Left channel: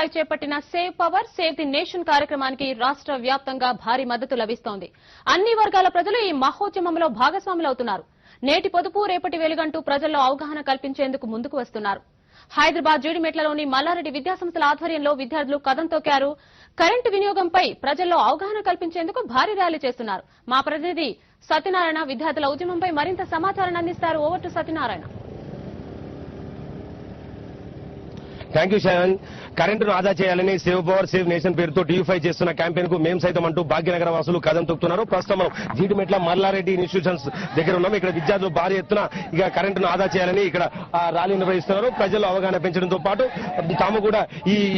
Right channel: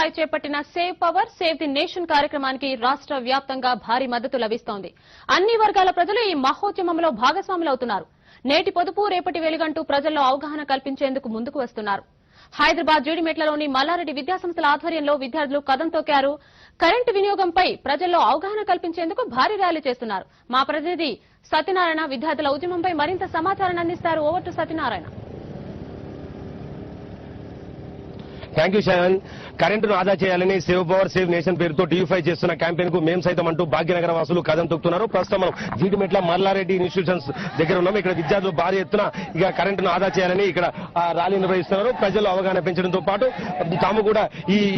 సాయి చేపట్టిన save power save the nation కార్యక్రమానికి రాష్ట్ర వ్యాప్తంగా భారీ మద్దతు లభిస్తోంది. అన్ని వర్గాల ప్రజలు ఈ మహోద్యమంలో భాగస్వాములవుతున్నారు. నేటి పొదుపు రేపటి వెలుగంటూ ప్రజల్లో అవగాహన కల్పించేందుకు ముందుకు వస్తున్నారు. హైదరాబాద్ జీడిమెట్లలోని మల్లారెడ్డి విద్యాసంస్థల ఆధ్వర్యంలో విద్యార్థులు కదం తొక్కారు. కరెంటు వినియోగంపై ప్రజల్లో అవగాహన కల్పించేందుకు భారీ ర్యాలీ చేస్తున్నారు. మా ప్రతినిధి సత్యనారాయణ విద్యార్థుల ఉద్యమంపై మరింత సమాచారాన్ని అందిస్తారు. Over to Satyanarayana. Thank you Sharon. కరెంటును ఆదా చేయాలని సేవ్ పవర్ సేవ్ నేషన్ పేరుతో టీవీ5 చేస్తున్న క్యాంపెయిన్ కు మేము సైతం అంటూ భాగ్యనగర వాసులు కదం తొక్కుతున్నారు. ప్రస్తుతం జీడిమెట్ల మల్లారెడ్డి ఇన్స్టిట్యూషన్స్ దగ్గర ఉన్నాము. ఇక్కడ విద్యార్థులు భారీ ఎత్తున ఇక కరెంటును ఆదా చేయాలని ఇక్కడ ర్యాలీ నిర్వహిస్తున్నారు. ప్రజలు అవగాహన పెంచడంతో పాటు తాము కూడా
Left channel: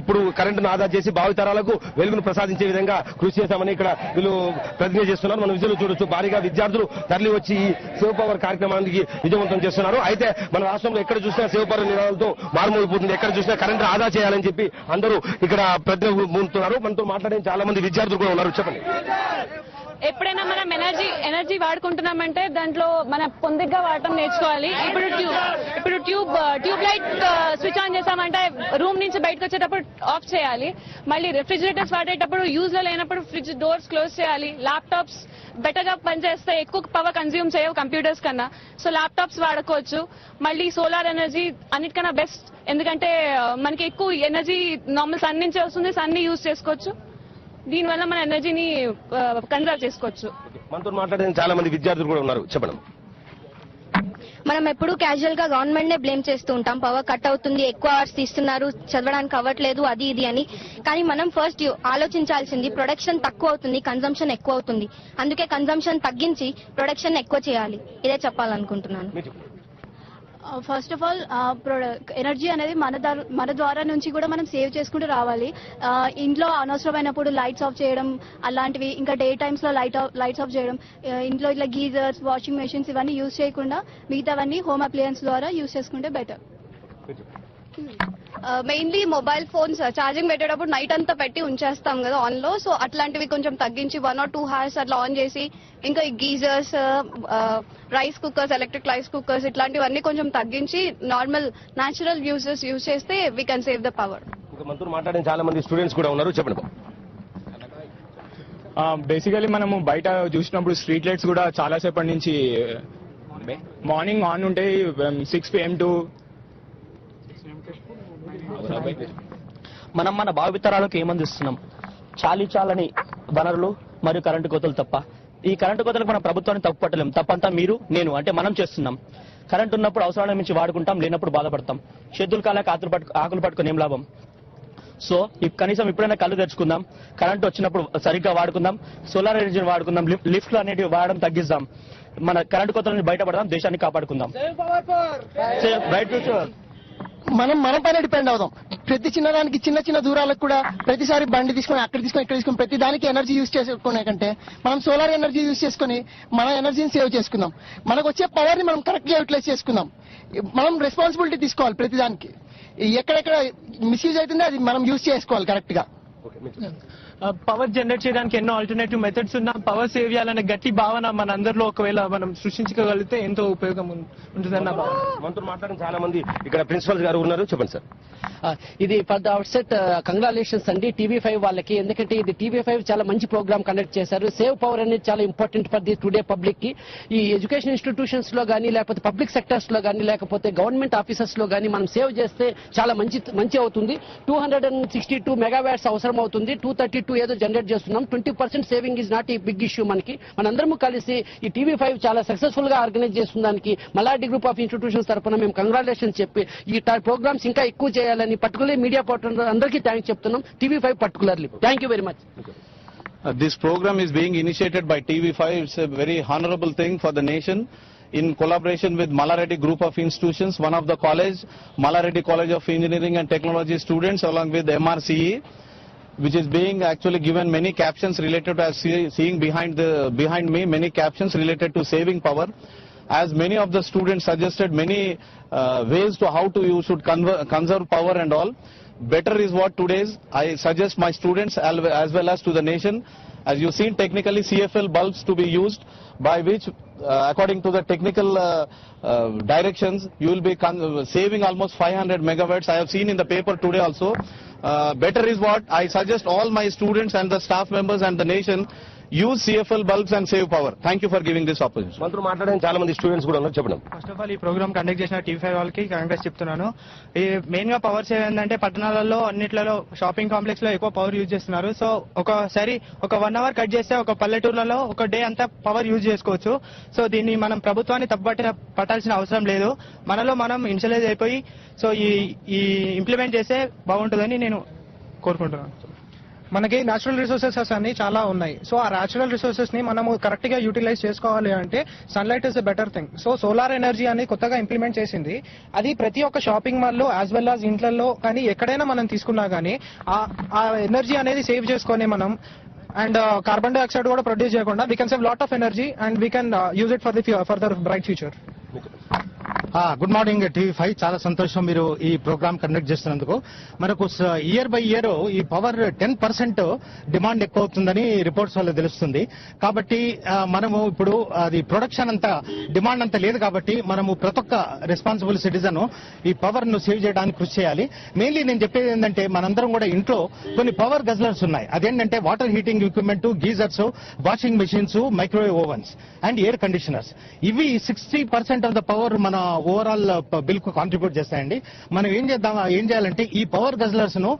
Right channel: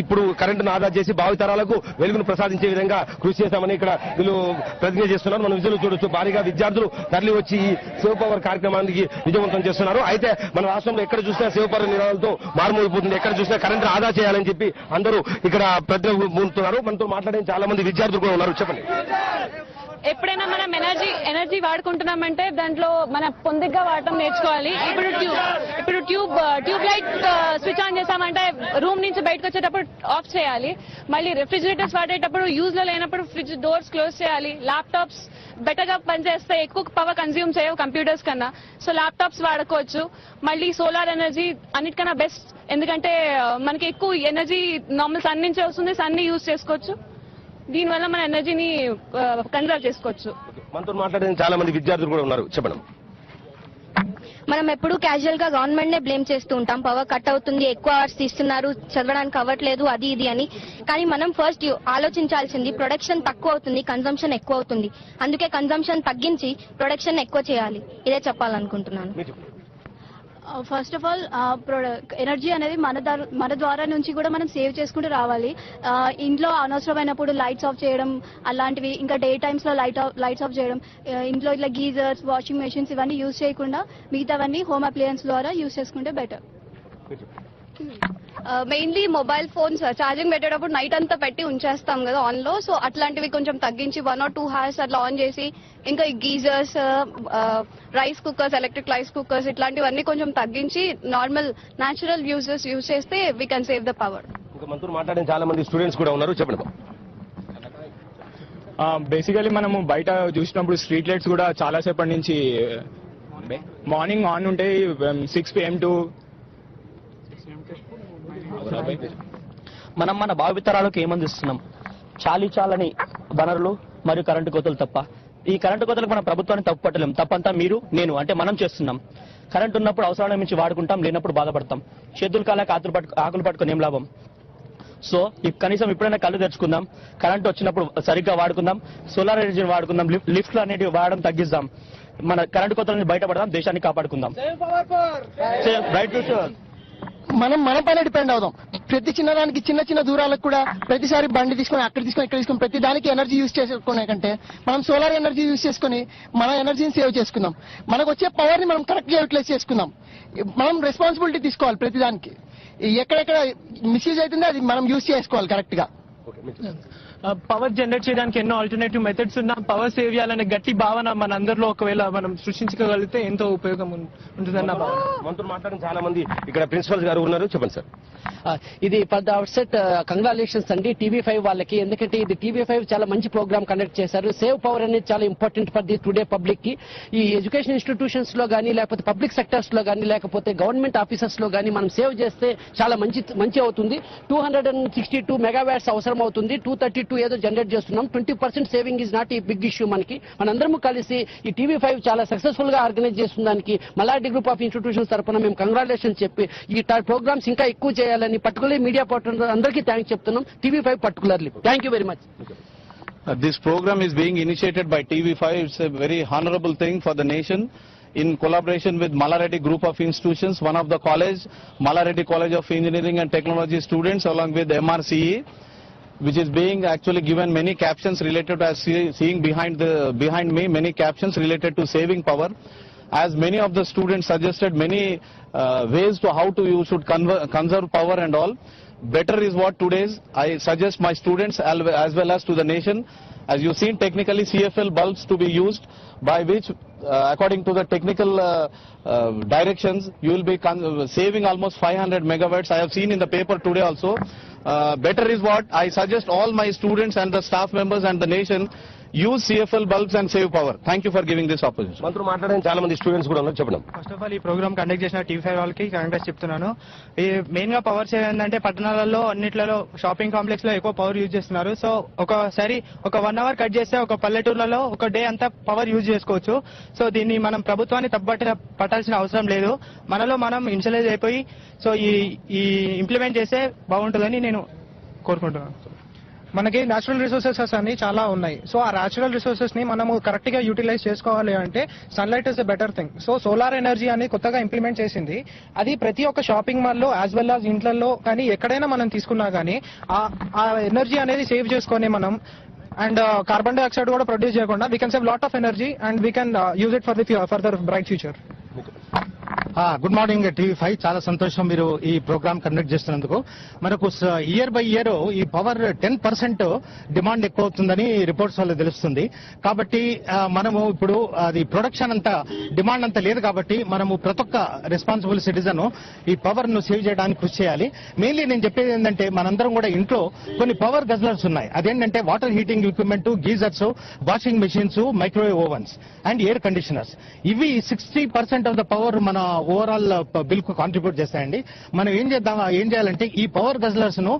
ఇప్పుడు కరెంటును ఆదా చేసి భావితరాలకు వెలుగును ప్రసాదించే విధంగా కృషి చేస్తామని ఇక్కడ వీళ్ళు ప్రతిజ్ఞ చేస్తున్నారు. మనం విజులు చూడొచ్చు. భారీగా విద్యార్థులు తరలి వచ్చి ఈ సేవ్ పవర్ కార్యక్రమానికి విజయవంతం చేస్తున్నారు. అయితే మన రాష్ట్రంలో ఎక్కడ చూసినా సేవ్ పవర్ నినాదంతో మారుమోగిపోతుంది. ఎక్కడ చూసినా కరెంటు ఆదా చేయాలని చెప్పి అందరూ ఇక్కడ ప్రతినిధులు మనతో మాట్లాడే చాలా మంది విద్యార్థులు కూడా ఉన్నారు. చెప్పండి. ఎప్పుడైనా మనం ఎనర్జీ వాడుకుంటున్నామంటే దాంట్లో మన పొందిగ్గా వాడటం నేర్చుకోవాలి. ఇప్పుడు ట్యూబ్ లైట్ స్విచ్ ఆన్ చేసామంటే రూమ్ నుంచి బయటకు వచ్చేటప్పుడు ఆఫ్ చేయాలి. మళ్ళీ రిఫ్రిజిరేటర్స్ వాడేటప్పుడు యూజ్ లో లేనప్పుడు ఫ్రిడ్జ్ డోర్స్ క్లోజ్ చేయాలి. ల్యాప్టాప్స్ బెటర్ గా పనిచేస్తే ఎక్కువ పవర్ కన్స్యూమ్ చేయవు కంప్యూటర్స్ కన్నా. సో ల్యాప్టాప్స్ వాడుకోవచ్చు. మళ్ళీ సోలార్ ఎనర్జీ అన్నిటికన్నా బెస్ట్. ఎందుకంటే మనకి ఎక్కువ ఎనర్జీ నార్మల్ సన్ నుంచే వస్తుంది. సన్ ని యూజ్ చేసుకోవచ్చు. దీనివల్ల మన ఎనర్జీని కన్సర్వ్ చేసుకోవచ్చు. మనతో మాట్లాడిన చాలా మంది విద్యార్థులు కూడా ఉన్నారు. చెప్పండి. మనం ఎప్పుడు క్యాజువల్ గా గవర్నమెంట్ నే బ్లేమ్ చేస్తూ ఉంటాం. పవర్ కట్ అవుతుంది, ఎక్కువ అవర్స్ తీస్తున్నారు, చదవడానికి అవ్వట్లేదు, అది ఇది అని. కానీ మనం ఫస్ట్ ఆలోచించాల్సింది ప్రొడక్షన్ తక్కువ అవుతుంది, కన్జంప్షన్ ఎక్కువ అవుతుంది. అందుకే కన్జంప్షన్ తగ్గించి ప్రొడక్షన్ ఎక్కువ చేయాలి. ఇదే చెప్పాలనుకుంటున్నాను. ఫస్ట్ ఆఫ్ ఆల్ ఎనర్జీ అనేది మన ద్వారా నుంచి కూడా మనం సేవ్ చేసుకుంటూ రావాలి. ఇంట్లో అనవసరమైనప్పుడు లైట్స్ ఆఫ్ చేయడం అలాంటివి, ఇంకా డే టైమ్స్ లో లైట్స్ ఆఫ్ చేయడం, ఇంట్లో ఇట్లా గీజర్స్, వాషింగ్ మెషిన్స్ ఇవన్నీ యూజ్ చేయకుండా మిగతావన్నీ హోమ్ అప్లయన్స్ ద్వారా యూజ్ చేసుకుంటే better. Mainly mobile phones charging పెట్టేటప్పుడు నైట్ అంతా పెట్టి ఉంచేస్తాం కదా ఆన్ లో. సో అట్లాంటివి కొంచెం తగ్గించి 1 or 2 hours అట్లా ఆన్ చేసి, ఇంకా geysers, rice cookers, electric rice cookers ఇట్లాంటివన్నీ కొంచెం తగ్గించి నార్మల్ న్యాచురల్ యూజ్ చేస్తే we can save the power. మాట్లాడిన చాలా మంది స్టూడెంట్స్ కూడా ఉన్నారు. చెప్పండి. బేసికలీ మనము బయట చూసినప్పుడు స్ట్రీట్ లైట్స్ కూడా చాలా సేపటి నుంచి మార్నింగ్ ఆన్ ఉంటే 6 PM to మనం మన భావితరాలకు ఏమందిస్తున్నాం? చాలని వనరులు మరియు కరెంటు కోతలు తప్ప. ఈ కరెంటు కోతలు మన ప్రభుత్వాన్ని తప్పుపట్టలేం. తప్పంతా మీరు, నేను అంటే మనం చేస్తున్నాం. కరెంటు ఉన్నప్పుడు అవసరాల నుంచి వాడుకుంటాం, లేనప్పుడు బాధపడతాం. చేతులు కాలేక ఆకులు పట్టుకుని ఏం లాభం? సో కనీసం ఇప్పుడైనా కళ్ళు తెచ్చుకుందాం. కరెంట్ వచ్చినప్పుడు సరిగ్గా వాడుకుందాం. సోలార్ ఎనర్జీని వాడుకుందాం. లిఫ్ట్లు అనేటివి వాడడం తగ్గిద్దాం. మన కరెంటు కోతల నుంచి బయటపడదాం. దేశాన్ని కాపాడుకుందాం. మనం మనపైన డిపెండ్ అవుదాం. ప్రతి చిన్నదానికి, చిన్న దూరాలకు కూడా ప్రతిసారి బండి తీసుకొని అక్కడ తీసుకొని ఇక్కడ తీసుకొని ప్రతి దానికి ఎనర్జీ యూజ్ చేసుకునే కంటే మనం సోలార్ ఎనర్జీ యూజ్ చేసుకుని మన ఎనర్జీని సేవ్ చేసుకుందాం. మనకు వచ్చే పవర్ ని మనం కరెక్ట్ గా యూటిలైజ్ చేసుకుందాం. మనం రెస్పాన్సిబిలిటీ తీసుకోవాలి. ప్రతి దానికి ఎక్కడెక్కడ మిస్యూజ్ అవుతుందో అది మనం యూజ్ చేసుకోవాలి కరెక్ట్ గా. పవర్ జనరేట్ చేయడానికి ఎన్నో ఆల్టర్నేటివ్ మెథడ్స్ ఉన్నా పవర్ సేవ్ చేయాలనే గట్టి భావన మనందరిలో ఒకవేళ మనం సృష్టించగలిగితే ఎంతో ఉపయోగం ఉంటుందన్న భావన. మనతో మాట్లాడిన చాలా మంది ఇక్కడ ప్రిన్సిపల్ గారు ఉన్నారు. చెప్పండి సార్. ఇది ఫర్ ద అవుట్సెట్ కంగ్రాచులేషన్స్ అండి టీవీ5 వాళ్ళకి. ఎందుకంటే ఇది టీవీ5 చాలా మంచి ప్రోగ్రామ్ కండక్ట్ చేశారు. సేవ్ పవర్ అనేది చాలా important for the today public కి. ఈ ఎడ్యుకేషన్ ఇన్స్టిట్యూషన్స్ లో గానీ, లేకపోతే పబ్లిక్ సెక్టర్స్ లో గానీ, లేకపోతే గవర్నమెంట్ ఆఫీసెస్ లో గానీ మనం సేవ్ చేస్తే చాలా మంచి అవుతుంది. 262 మెగావాట్స్ అవసరం అవుతుంది. 232 ఏదో జనరేట్ చేస్తున్నాం. 20% సేవింగ్ ఈజ్ నాట్ ఈ బిగ్ ఇష్యూ. మనందరము కలిసి ఈ టీవీ5 చాలా సక్సెస్ఫుల్ గా ఆర్గనైజ్ చేస్తున్నందుకు మల్లారెడ్డి గ్రూప్ ఆఫ్ ఇన్స్టిట్యూషన్స్ తరఫున మేము కంగ్రాచులేషన్ చెప్పి ఈ ప్రోగ్రామ్స్ ఇంకా ఎక్కువ చేయాలని పర్టికులర్లీ మీడియా పార్ట్నర్ అందరికీ థ్యాంక్స్ చెప్తున్నాం. TV5 particularly thank you very much. This program is being initiated by TV5. It's a very honorable thing for the nation in collaboration with Malla Group of Institutions, one of the college, Malla College of Engineering and Technology students along with MRCE, which is being actually given many captions related to, as seeing behind me, many captions related to saving power. As many of the students suggested many ways to how to you should conserve power and all. Better is what today's I suggest my students as well as to the nation. As you see, technically CFL bulbs to be used, by which according to the technical directions, you will be saving almost 500 megawatts. I have seen in the paper today also. Better is what I suggest all my students and the staff members and the nation use CFL bulbs and save power. Thank you for giving this opportunity. మంత్రులు మాట్లాడడానికి చాలా మంది students కూడా ఉన్నారు, చెప్పడం. First of all ఈ programme conduct చేసిన TV వాళ్ళకి కాంగ్రెస్ చెప్తున్నాను. ఈ మెయిన్ గా పవర్ సేవ్ ఏంటంటే పట్టణాలలో అన్నిట్లలో షాపింగ్ కాంప్లెక్స్ లో ఎక్కువ పవర్ యూజ్ చేస్తున్నారు. సో ఒకసారి ఒక 1 hour కట్ చేస్తే ఒక పల్లెటూర్లలో ఒక డే అంతా పవర్ యూజ్ చేసుకోవచ్చు. సో దీన్ని మనం ప్రభుత్వాన్ని పట్టాల్సిన అవసరం లేదు. మనలో మనం ఇన్షియలైజ్ అయిపోయి సో ఈ ఇంప్లిమెంట్ చేస్తే బాగుంటుందని నేను కోరుకుంటున్నాను. మనకి నేచురల్ రిసోర్సెస్ అన్ని చాలా ఉన్నాయి. సో ఆ నేచురల్ రిసోర్సెస్ ని మనము కరెక్ట్ గా యూటిలైజ్ చేసుకోవాలి అంటే sunlight is a better thing. So solar energy అనేది కొత్తగా ఇంప్లిమెంట్ చేసింది. అది ప్రతి ఒక్క షాపింగ్ మాల్ లో యాజ్ వెల్ యాజ్ ఇంట్లో కానీ ఎక్కడైనా మనం తీసుకున్నా కానీ ఆ ఎనర్జీ అనేది సేవ్ చేసుకొని మనం అండ్ కార్బన్ డైఆక్సైడ్ కూడా ప్రొడ్యూస్ చేయకుండా we can save lot of energy and we can use it for the bright future. Good morning TV5. చాలా సంతోషం మీరు ఈ ప్రోగ్రామ్ కండక్ట్ చేస్తున్నందుకు. మనకు ఇయర్ బై ఇయర్ ఈ పవర్ 10% డిమాండ్ ఎక్కువ అవుతుందని రిపోర్ట్స్ వల్ల తెలుస్తుంది. కాబట్టి మనము ఇప్పుడు అది ప్రొడక్షన్ అంతా డిమాండ్ అంతా లేదు కాబట్టి మనము ప్రతి ఒక్క రెస్పాన్సిబుల్ సిటిజన్ ఈ పవర్ ను సేవ్ చేయడానికి కృషి చేయాలి. మెయిన్లీ నేను చెప్పేది ఏంటంటే మనందరం కూడా ఇంట్లో కొన్ని పవర్ గజ్లర్స్ ఉన్నాయి. అదేంటంటే water heating equipment, geysers, washing machines, microwave ovens and air conditioners. ఇవి 60% ఆఫ్ ద పవర్ మన ఓవరాల్ బిల్ కు కాంట్రిబ్యూట్ చేస్తాయండి. మనం ఏం చేయాలంటే ఈ పవర్ గజ్లర్స్ ను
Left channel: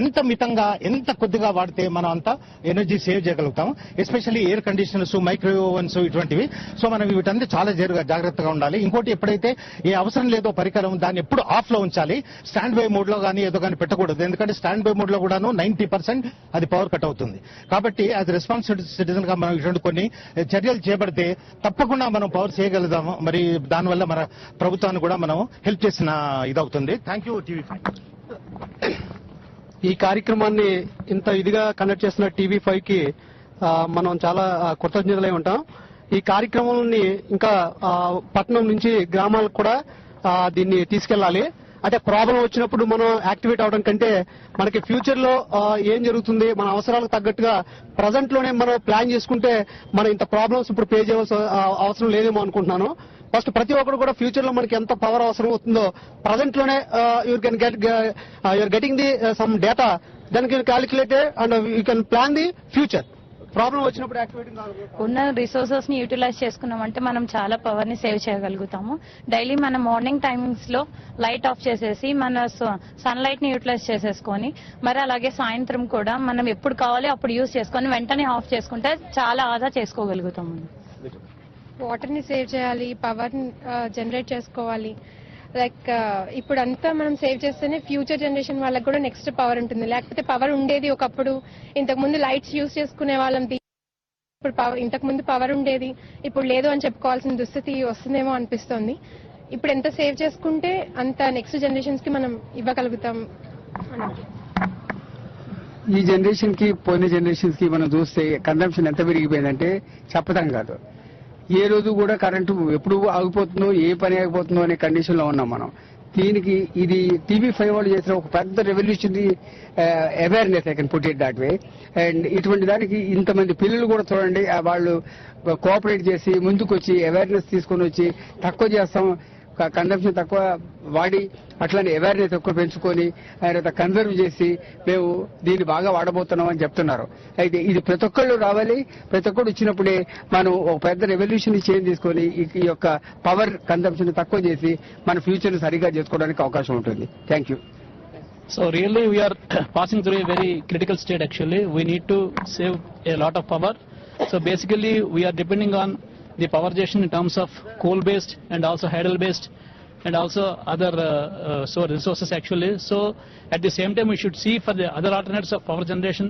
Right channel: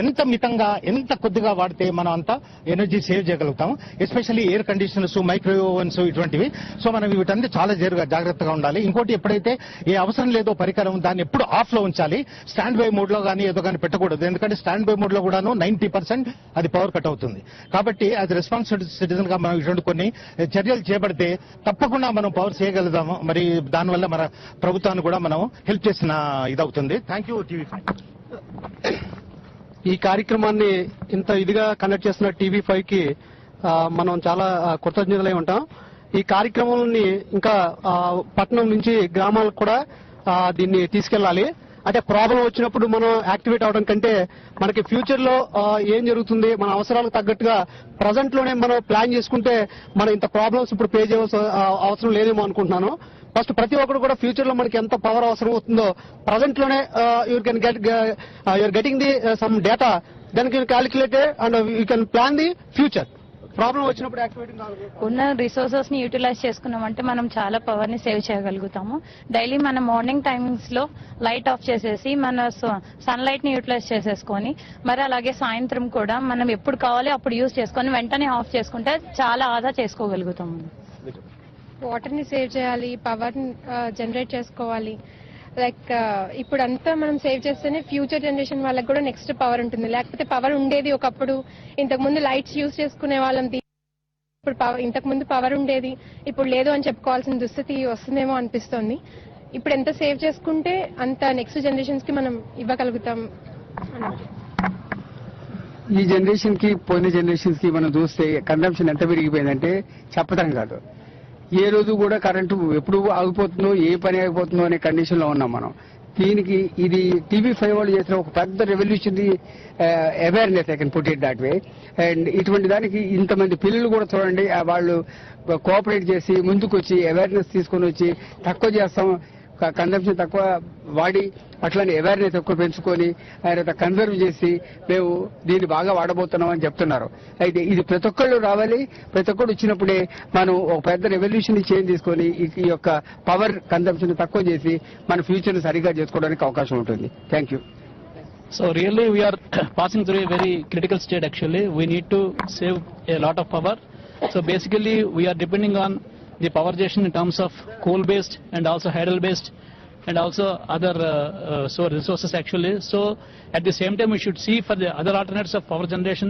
ఎంత మితంగా ఎంత కొద్దిగా వాడితే మనం అంతా ఎనర్జీ సేవ్ చేయగలుగుతాం. Especially air conditioners, microwave ovens ఇటువంటివి. సో మనం వీటన్ని చాలా జాగ్రత్తగా ఉండాలి. ఇంకోటి ఎప్పుడైతే ఏ అవసరం లేదో పరికరం దాన్ని ఎప్పుడు ఆఫ్ లో ఉంచాలి. స్టాండ్ బై మోడ్ లో కానీ ఏదో కానీ పెట్టకూడదు. ఎందుకంటే స్టాండ్ బై మోడ్ లో కూడాను 90% అది పవర్ కట్ అవుతుంది. కాబట్టి అది రెస్పాన్సిబుల్ సిటిజన్ గా మనం ఇటువంటి కొన్ని చర్యలు చేపడితే తప్పకుండా మనం పవర్ చేయగలుగుతాము. మరి దానివల్ల మన ప్రభుత్వాన్ని కూడా మనం హెల్ప్ చేసిన ఇదవుతుంది. Thank you TV5. ఈ కార్యక్రమాన్ని ఇంత ఇదిగా కండక్ట్ చేసిన TV5 కి మనం చాలా కృతజ్ఞతలై ఉంటాం. ఈ కార్యక్రమాన్ని ఇంకా పట్టణం నుంచి గ్రామాలకు కూడా దీన్ని తీసుకెళ్లాలి. అంటే ప్రాబ్లం వచ్చినప్పుడు మనం యాక్టివేట్ అవడం కంటే మనకి ఫ్యూచర్ లో ఏం జరుగుతుంది, మన అవసరాలకు తగ్గట్టుగా ప్రజెంట్ లోనే మనం ప్లాన్ చేసుకుంటే మన ఇంత ప్రాబ్లమ్స్ ఇప్పుడు పే చేయాల్సిన అవసరం లేదేమో అనుకుంటున్నాను. ఫస్ట్ ప్రతి ఒక్కరు కూడా ఫ్యూచర్ లో మనకి ఎంత పవర్ అవసరం అవుతుందో ప్రజెంట్ లోనే you can getting the some data, then can calculated and you can plan the future. Problem వచ్చినప్పుడు ఉన్న రిసోర్సెస్ ని యూటిలైజ్ చేసుకున్నామంటే మనం చాలా పవర్ ని సేవ్ చేయగలుగుతాము. డైలీ మన మార్నింగ్ టైమ్స్ లో లైట్ ఆఫ్ చేసేసి మన సన్ లైట్ ని యూటిలైజ్ చేసేసుకొని మరి అలాగే సాయంత్రం కూడా మనం ఎప్పుడు కావాలో అప్పుడు యూజ్ చేసుకొని వెంటనే ఆఫ్ చేసుకుంటే చాలా ఆదా చేసుకోగలుగుతాము. వాటర్ ని సేవ్ చేయాలి, పవర్ జనరేట్ చేసుకోవాలి. లైక్ ఇప్పుడు అంతా మనం సేవ్ చేస్తేనే ఫ్యూచర్ జనరేషన్ వాళ్ళకి కూడా నెక్స్ట్ పవర్ ఉంటుంది. లేకపోతే పవర్ ఉండేది ఒకప్పుడు, ఇంతకు ముందు లైట్స్ యూజ్ చేసుకునే వాళ్ళం, ఇప్పుడు ఇంతకు ముందు పవర్ ఉండేది ఇప్పుడు లేదు అని చెప్పుకోవాల్సిన దుస్థితి వస్తుందేమో అనిపిస్తోంది. ఇప్పుడు ఎంత సేవ్ చేసుకుంటే అంత నెక్స్ట్ జనరేషన్స్ కి మనం ఇవ్వగలుగుతాం. ఈ జనరేషన్ కి పోయిన జనరేషన్స్ కి మనం చూస్తే కన్సంప్షన్ ఎంత పెరిగిపోయిందంటే చెప్పడం కాదు. ఏ రోజు కూడా కరెంటు ఎప్పుడు ఆగిపోతుందో ఏ పని ఆగిపోతుందో అనే కండిషన్ లో ఉన్నాం మనం. దీనికి ఇది TV5 చేసిన ఒక పెద్ద revolution awareness, I can put it that way. And ఇటువంటి దానికి ఇంతమంది పిల్లలు కూడా చూడండి, వాళ్ళు కోఆపరేట్ చేసి ముందుకు వచ్చి అవేర్నెస్ తీసుకొని వచ్చి తక్కువ చేస్తాం, కన్సంప్షన్ తక్కువ వాడి అట్లానే అవేర్నెస్ ఎక్కువ పెంచుకొని ఆయన కన్సర్వ్ చేసి మేము దీన్ని బాగా వాడబోతున్నాం అని చెప్తున్నారు. అయితే ఇది ప్రతి ఒక్కళ్ళు రావాలి. ప్రతి ఒక్కరు వచ్చినప్పుడే మనం ఒక పెద్ద రెవల్యూషన్ చేంజ్ తీసుకొని ఈ యొక్క పవర్ కన్సంప్షన్ తక్కువ చేసి మన ఫ్యూచర్ సరిగా చేసుకోవడానికి అవకాశం ఉంటుంది. Thank you. So really we are passing through a very critical state actually. We need to save a lot of power. So basically we are depending on the power generation in terms of coal based and also hydel based and also other resources actually. So at the same time we should see for the other alternatives of power generation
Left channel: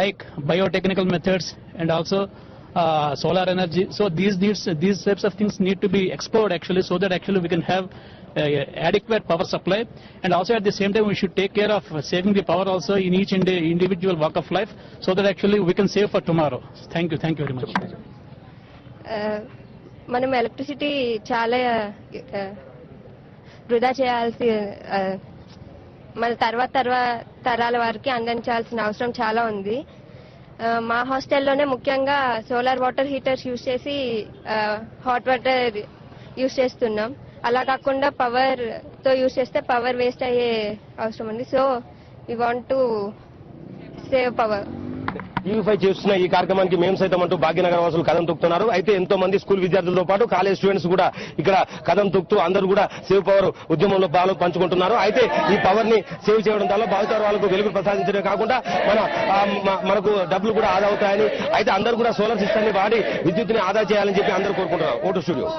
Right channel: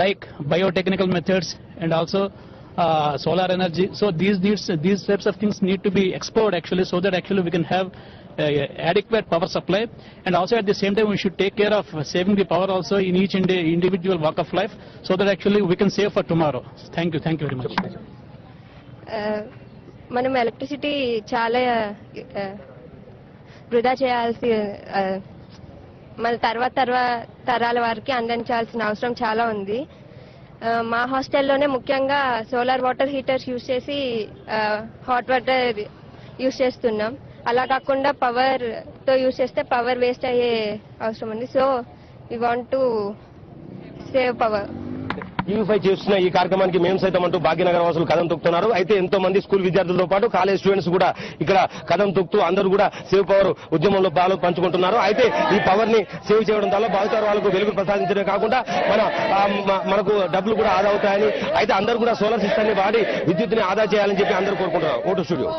like biotechnical methods and also solar energy. So these types of things need to be explored actually, so that actually we can have adequate power supply, and also at the same time we should take care of saving the power also in each individual walk of life, so that actually we can save for tomorrow. Thank you very much. మనం electricity చాలా వృధా చేయాల్సి, మన తర్వాత తరాల వారికి అందించాల్సిన అవసరం చాలా ఉంది. మా హాస్టల్లోనే ముఖ్యంగా సోలార్ వాటర్ హీటర్స్ యూజ్ చేసి హాట్ వాటర్ యూజ్ చేస్తున్నాం. అలా కాకుండా పవర్ తో యూజ్ చేస్తే పవర్ వేస్ట్ అయ్యే అవసరం ఉంది. So we want to save power. TV five చేస్తున్న ఈ కార్యక్రమానికి మేము సైతం అంటూ భాగ్యనగరం వాసులు కదం తొక్కుతున్నారు. అయితే ఎంతో మంది స్కూల్ విద్యార్థులతో పాటు కాలేజ్ స్టూడెంట్స్ కూడా ఇక్కడ కదం తొక్కుతూ అందరూ కూడా సేవ్ పవర్ ఉద్యమంలో పాలు పంచుకుంటున్నారు. అయితే ఈ పవర్ ని సేవ్ చేయడం వల్ల భావితర వాళ్ళకు వెలుగు ప్రసాదించడం కాకుండా మనకు డబ్బులు కూడా ఆదా అవుతాయని, అయితే అందరూ కూడా సోలార్ సిస్టాన్ని వాడి విద్యుత్తుని ఆదా చేయాలని చెప్పి అందరూ కోరుకుంటున్నారు. Vote studio.